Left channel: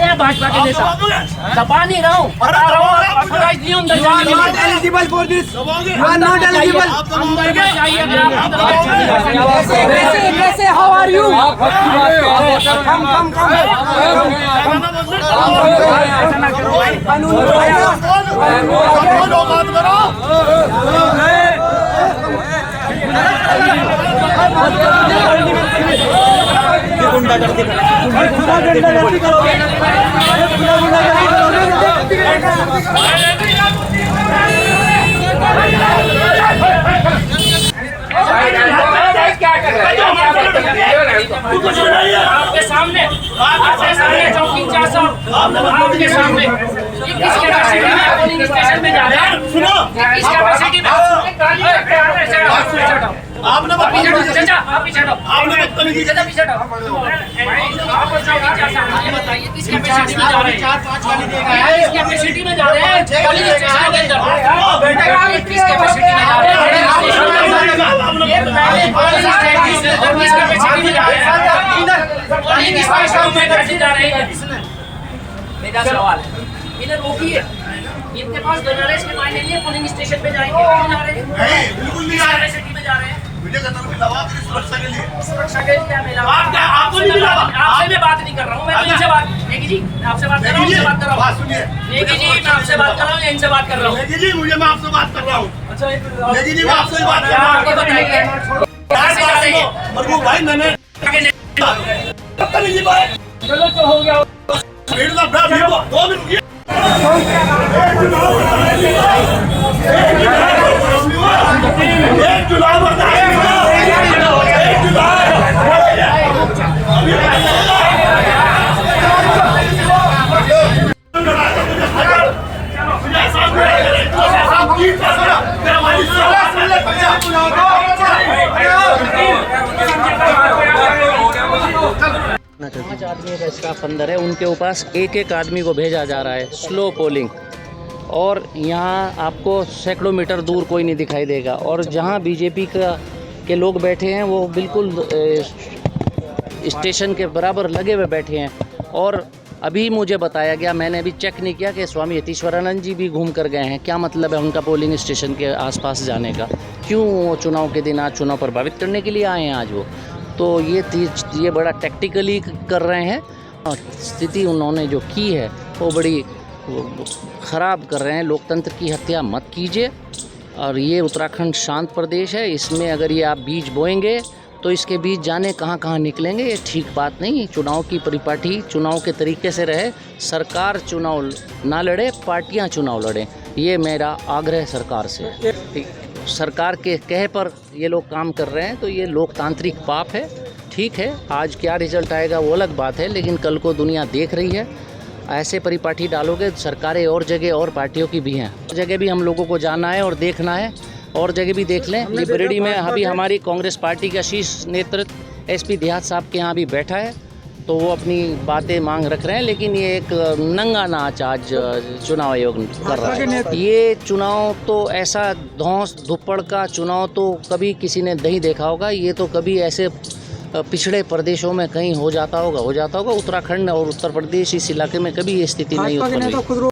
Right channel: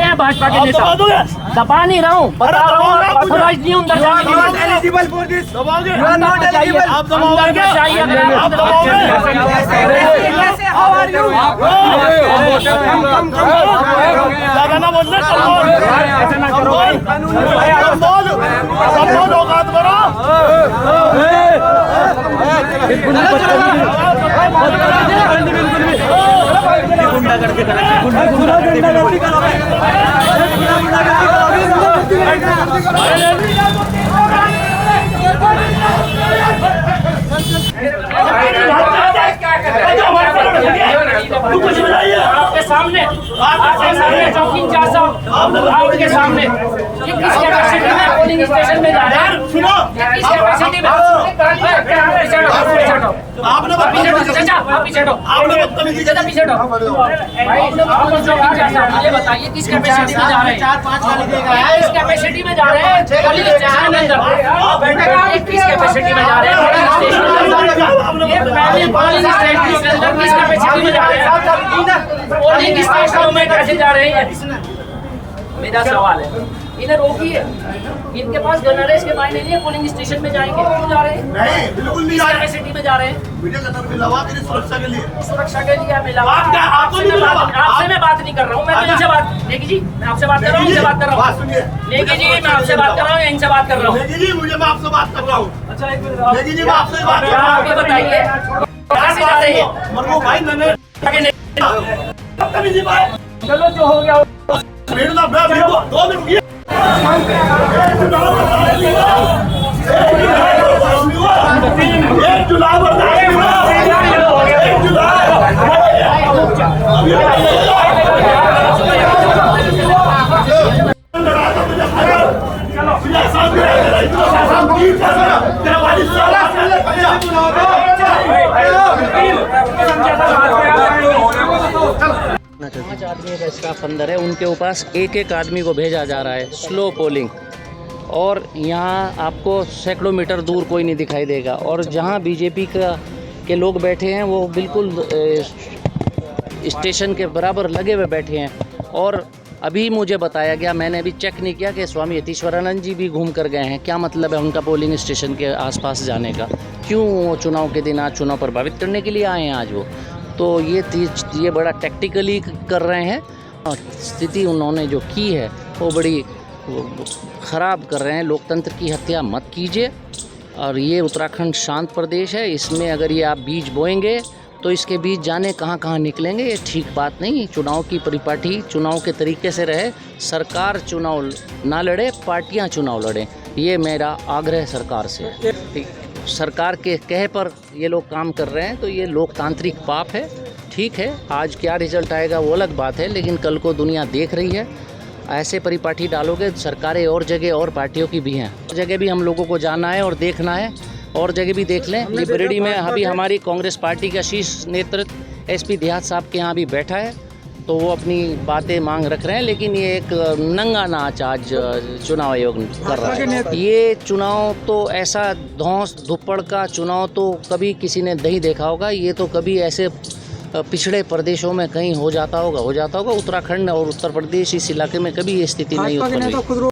निकले हैं भाजपा के नेता। दबा नहीं रहा हूँ, बता रहा हूँ अंदर जाइए। गुंडागर्दी आपके सामने चौकी इंचार्ज साहब आपके सामने ये किस कैपेसिटी में पोलिंग स्टेशन में जा रहे हैं? सुनो किस कैपेसिटी में आपने मुझे बताइए किस कैपेसिटी में जा रहे हैं? किस कैपेसिटी में जा रहे हैं पोलिंग स्टेशन के अंदर? किस कैपेसिटी में जा रहे हैं किस कैपेसिटी में जा रहे हैं पोलिंग स्टेशन में कैसे जा रहे हैं? मेरा सवाल है, इधर रोकिए। इनके पास गनर है, इसके मायने नहीं है पोलिंग स्टेशन में जाएंगे। क्यों जा रहे हैं? नहीं, बिल्कुल नहीं जा रहे। सिटी में जा रहे हैं वीडियो का मिला हुआ मेरी सुरक्षा के लिए मिला। आपसे मैं बात नहीं कर रहा हूँ, मैं तो इनसे बात। लेकिन जी मैं आपसे बात कर रहा हूँ, इनसे बात कर रहा हूँ। सुनिए, लेकिन जी मैं आपसे बात कर रहा हूँ, इनसे बात कर रहा हूँ। लेकिन जी मुझे मैं आपसे बात कर रहा हूँ। अच्छा एक मिनट, लेकिन जी मैं आपसे बात कर रहा हूँ। बताइए भाई मैंने चलो जो हो गया 2 मिनट। पांच आदमी का स्टाफ अंदर है, उनके पास एक एक आदमी को भेजा जा रहा है स्लो पोलिंग। और यहाँ आपको सैकड़ों मीटर दूर कोई नहीं दिखाई देगा। और जहाँ बीजेपी के लोग बैठे हैं वो बिल्कुल स्टेशन के बराबर लगे हुए बैठे हैं। और अभी मुझे बताया गया, मैंने अभी चेक नहीं किया, कि स्वामी यतीश्वरानंद जी भी घूम कर गए हैं। क्या मतलब है उनका पोलिंग स्टेशन के आसपास जाने का? क्यों वो चुनाव के दिन आज चुनाव प्रभावित करने के लिए आए हैं आज वो? तो ये बड़ा टैक्टिकली कर रहे हैं। स्थिति उन्होंने जो की है वो बड़ी ख़राब कर रहे हैं। लोकतंत्र की हत्या मत कीजिए। और ये उत्तराखंड शांत प्रदेश है, इसमें अगर ये आप बीज बोएंगे तो इसके बीज जाने कहाँ कहाँ निकलेंगे, ये ठीक बात नहीं। चुनाव की परिपाटी चुनाव के तरीके से रहे। सरकार चुनाव ना लड़े, पार्टियां चुनाव लड़ें, ये मेरा आग्रह सरकार से है। सरकार के कहे पर ये लोग काम कर रहे हैं तो ये लोकतांत्रिक पाप है। ठीक है, आज क्या रिजल्ट आएगा वो अलग बात है, लेकिन कल को दुनिया देख रही है। ऐसे परिपाटी डालोगे, सरकारें और जगह और पार्टियों की भी हैं, जगह भी हम लोगों को जाना है और देखना है, और जगह भी देख लें। लिबरेडी में अभी हमारी कांग्रेस पार्टी का शीर्ष नेतृत्व एसपी देहात साहब के यहाँ भी बैठा है, तो वो अपनी बातें मांग रख रहे हैं। लेकिन ये एक नंगा नाच आज चुनाव आयोग कर रहा है। ये चुनाव तो ऐसा धौंस धुप्पड़ का चुनाव तो कभी किसी ने नहीं देखा होगा। ये तो कभी ऐसे पिछड़े प्रदेशों में कहीं हो जाता होगा। उत्तराखंड और उत्तर प्रदेश इस इलाके में कभी ये स्थिति नहीं उत्पन्न हुई।